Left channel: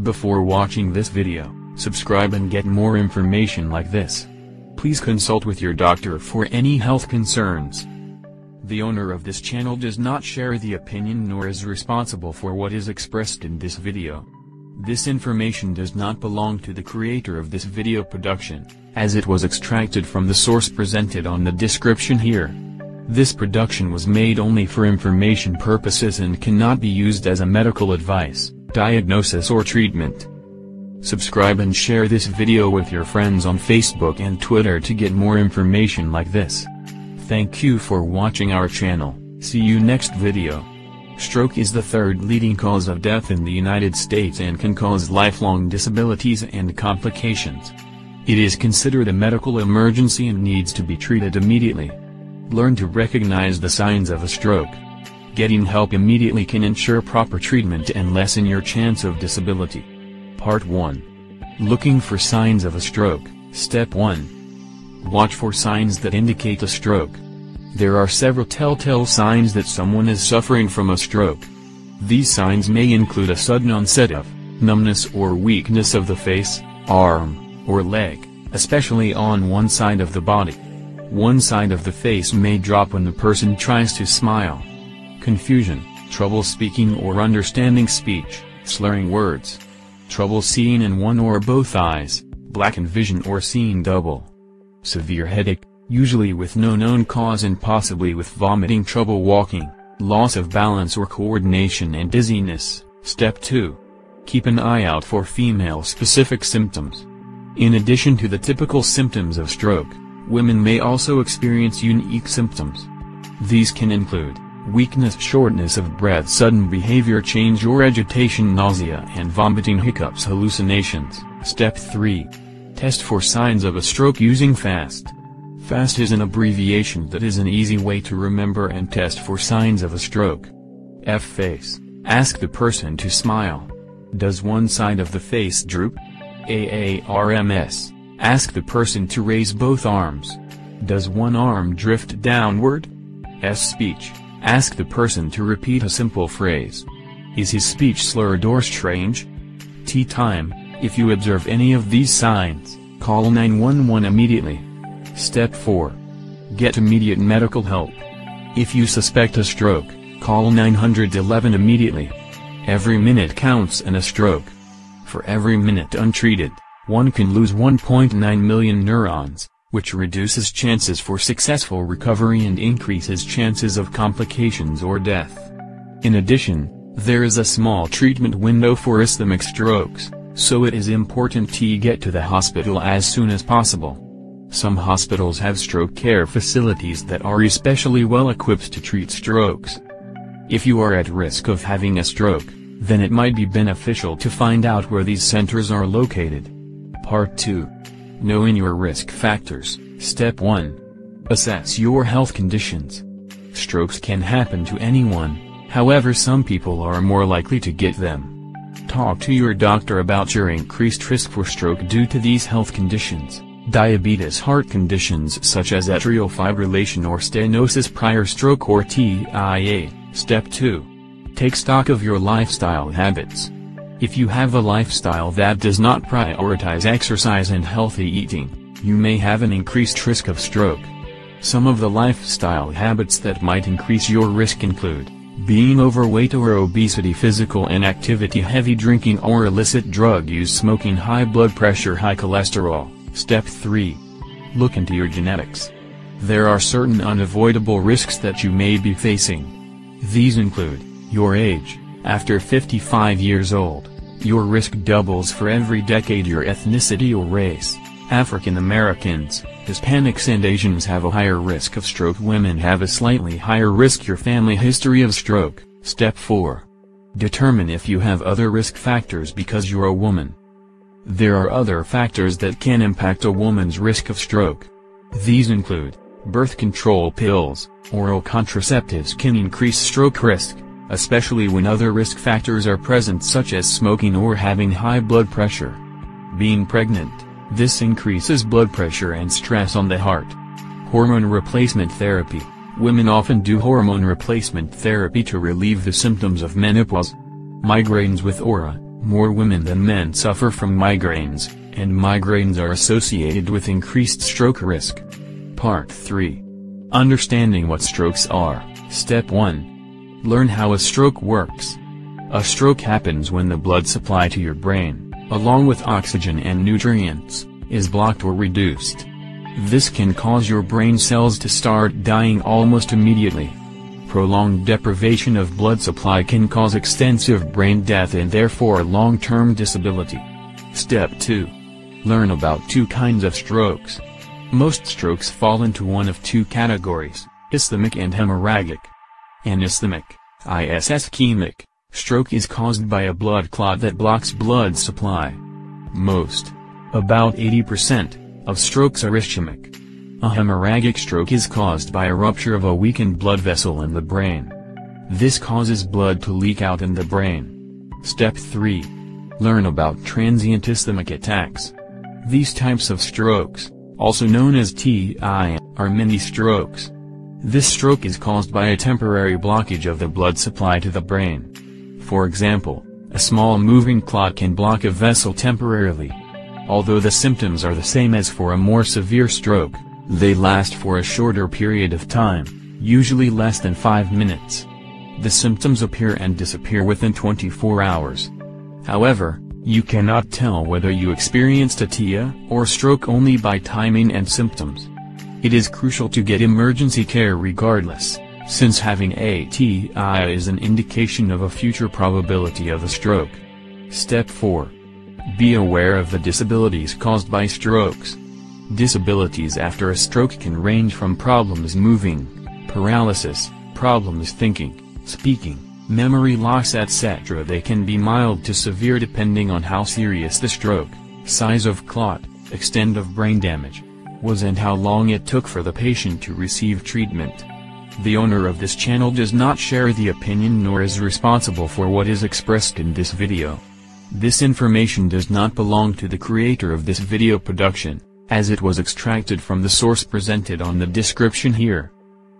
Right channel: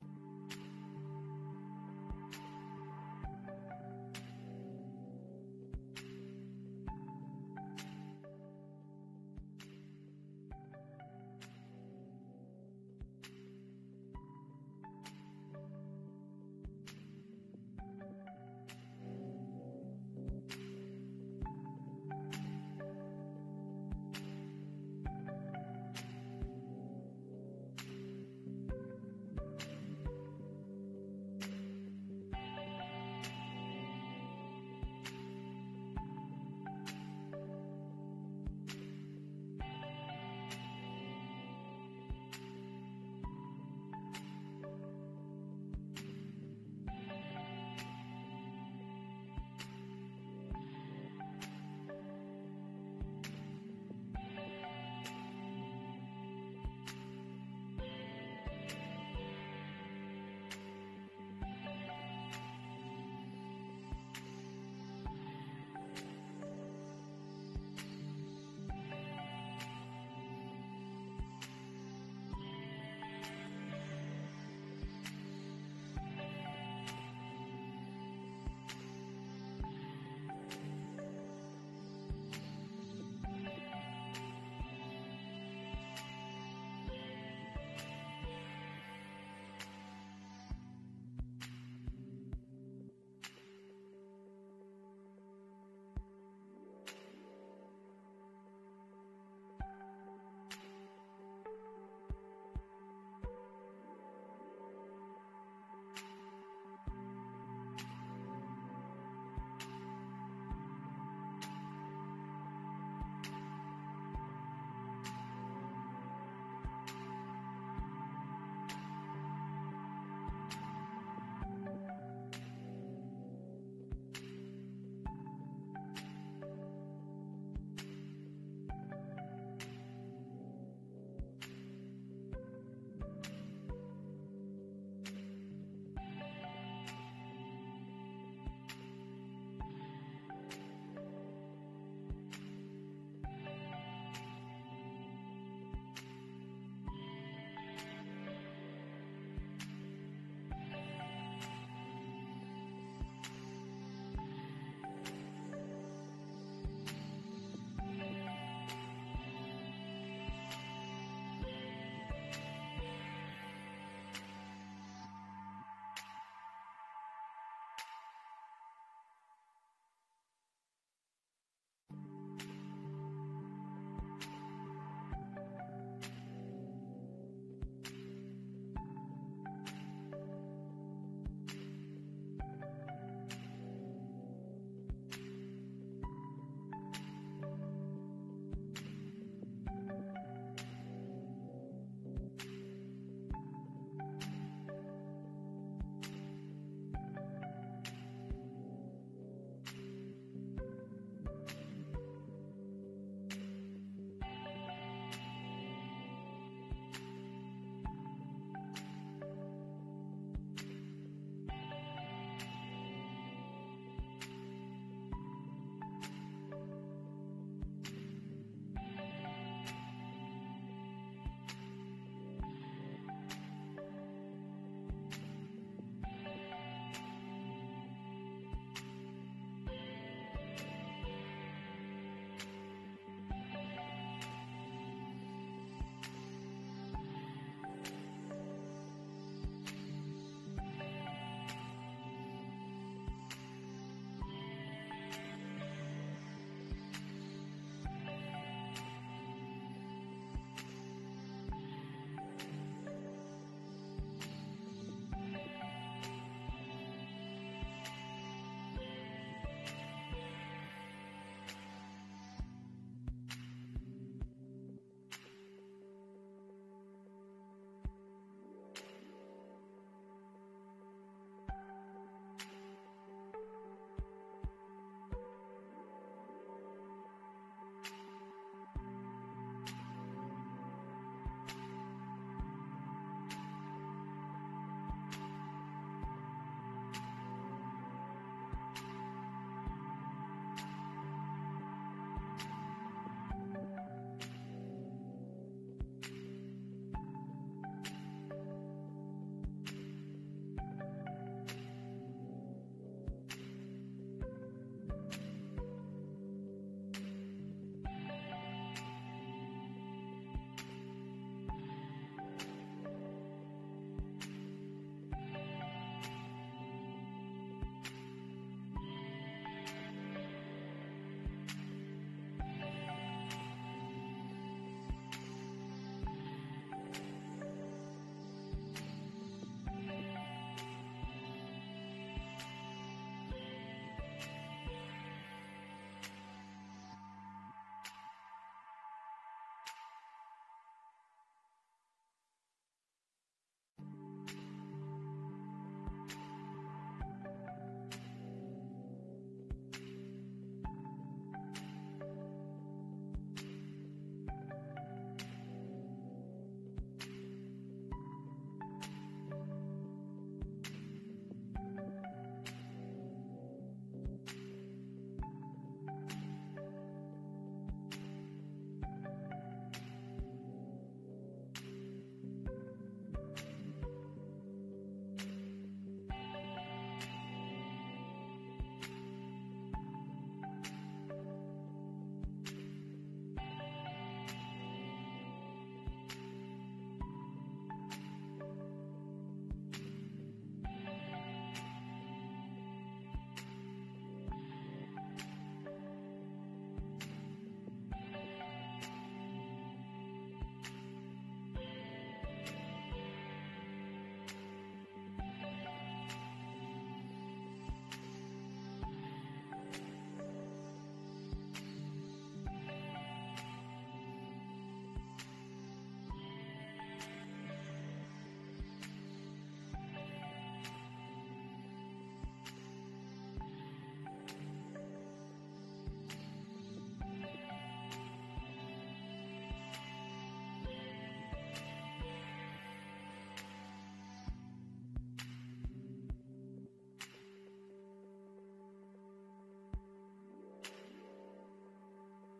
Before watching this video, subscribe and get more information like this. Please consult with your doctor for any health concerns. The owner of this channel does not share the opinion nor is responsible for what is expressed in this video. This information does not belong to the creator of this video production, as it was extracted from the source presented on the description here. This production was made only for information purposes and cannot be used as a medical advice, diagnosis or treatment. Subscribe and share this video with your friends on Facebook and Twitter to get more information like this. Thank you for watching our channel. See you next video. Stroke is the third leading cause of death in the United States and can cause lifelong disabilities and complications. It is considered a medical emergency and needs to be treated immediately. Learn to recognize the signs of a stroke. Getting help immediately can ensure proper treatment and lessen your chance of disability. Part 1. Looking for signs of a stroke. Step 1. Watch for signs that indicate a stroke. There are several telltale signs that someone is suffering from a stroke. These signs may include a sudden onset of numbness or weakness of the face, arm, or leg, especially on one side of the body. One side of the face may drop when the person tries to smile. Confusion, trouble speaking or understanding speech, slurring words. Trouble seeing in one or both eyes, blackened vision or seeing double. Severe headache, usually with no known cause and possibly with vomiting, trouble walking, loss of balance or coordination and dizziness. Step 2. Keep an eye out for female-specific symptoms. In addition to the typical symptoms of stroke, women may also experience unique symptoms. These can include weakness, shortness of breath, sudden behavior change or agitation, nausea and vomiting, hiccups, hallucinations. Step 3. Test for signs of a stroke using FAST. FAST is an abbreviation that is an easy way to remember and test for signs of a stroke. F. Face. Ask the person to smile. Does one side of the face droop? AARMS. Ask the person to raise both arms. Does one arm drift downward? S. Speech. Ask the person to repeat a simple phrase. Is his speech slurred or strange? T. Time. If you observe any of these signs, call 911 immediately. Step 4. Get immediate medical help. If you suspect a stroke, call 911 immediately. Every minute counts in a stroke. For every minute untreated, one can lose 1.9 million neurons, which reduces chances for successful recovery and increases chances of complications or death. In addition, there is a small treatment window for ischemic strokes, so it is important to get to the hospital as soon as possible. Some hospitals have stroke care facilities that are especially well equipped to treat strokes. If you are at risk of having a stroke, then it might be beneficial to find out where these centers are located. Part 2. Knowing your risk factors. Step 1. Assess your health conditions. Strokes can happen to anyone, however some people are more likely to get them. Talk to your doctor about your increased risk for stroke due to these health conditions. Diabetes, heart conditions such as atrial fibrillation or stenosis, prior stroke or TIA. Step 2. Take stock of your lifestyle habits. If you have a lifestyle that does not prioritize exercise and healthy eating, you may have an increased risk of stroke. Some of the lifestyle habits that might increase your risk include being overweight or obesity, physical inactivity, heavy drinking or illicit drug use, smoking, high blood pressure, high cholesterol. Step 3. Look into your genetics. There are certain unavoidable risks that you may be facing. These include your age. After 55 years old, your risk doubles for every decade. Your ethnicity or race. African Americans, Hispanics and Asians have a higher risk of stroke. Women have a slightly higher risk. Your family history of stroke. Step 4. Determine if you have other risk factors because you're a woman. There are other factors that can impact a woman's risk of stroke. These include birth control pills, oral contraceptives can increase stroke risk, especially when other risk factors are present such as smoking or having high blood pressure. Being pregnant, this increases blood pressure and stress on the heart. Hormone replacement therapy, women often do hormone replacement therapy to relieve the symptoms of menopause. Migraines with aura, More women than men suffer from migraines, and migraines are associated with increased stroke risk. Part 3. Understanding what strokes are. Step 1. Learn how a stroke works. A stroke happens when the blood supply to your brain, along with oxygen and nutrients, is blocked or reduced. This can cause your brain cells to start dying almost immediately. Prolonged deprivation of blood supply can cause extensive brain death and therefore long-term disability. Step 2. Learn about two kinds of strokes. Most strokes fall into one of two categories, ischemic and hemorrhagic. An ischemic, ischemic, stroke is caused by a blood clot that blocks blood supply. Most, about 80%, of strokes are ischemic. A hemorrhagic stroke is caused by a rupture of a weakened blood vessel in the brain. This causes blood to leak out in the brain. Step 3. Learn about transient ischemic attacks. These types of strokes, also known as TI, are mini-strokes. This stroke is caused by a temporary blockage of the blood supply to the brain. For example, a small moving clot can block a vessel temporarily. Although the symptoms are the same as for a more severe stroke, they last for a shorter period of time, usually less than 5 minutes. The symptoms appear and disappear within 24 hours. However, you cannot tell whether you experienced a TIA or stroke only by timing and symptoms. It is crucial to get emergency care regardless, since having a TIA is an indication of a future probability of a stroke. Step 4. Be aware of the disabilities caused by strokes. Disabilities after a stroke can range from problems moving, paralysis, problems thinking, speaking, memory loss etc. They can be mild to severe depending on how serious the stroke, size of clot, extent of brain damage was and how long it took for the patient to receive treatment. The owner of this channel does not share the opinion nor is responsible for what is expressed in this video. This information does not belong to the creator of this video production, as it was extracted from the source presented on the description here.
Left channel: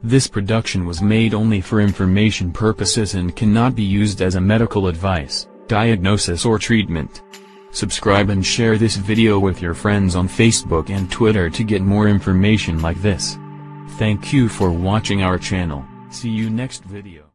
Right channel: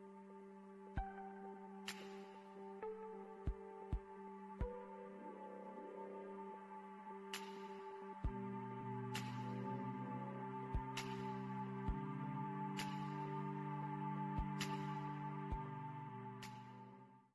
This production was made only for information purposes and cannot be used as a medical advice, diagnosis or treatment. Subscribe and share this video with your friends on Facebook and Twitter to get more information like this. Thank you for watching our channel. See you next video.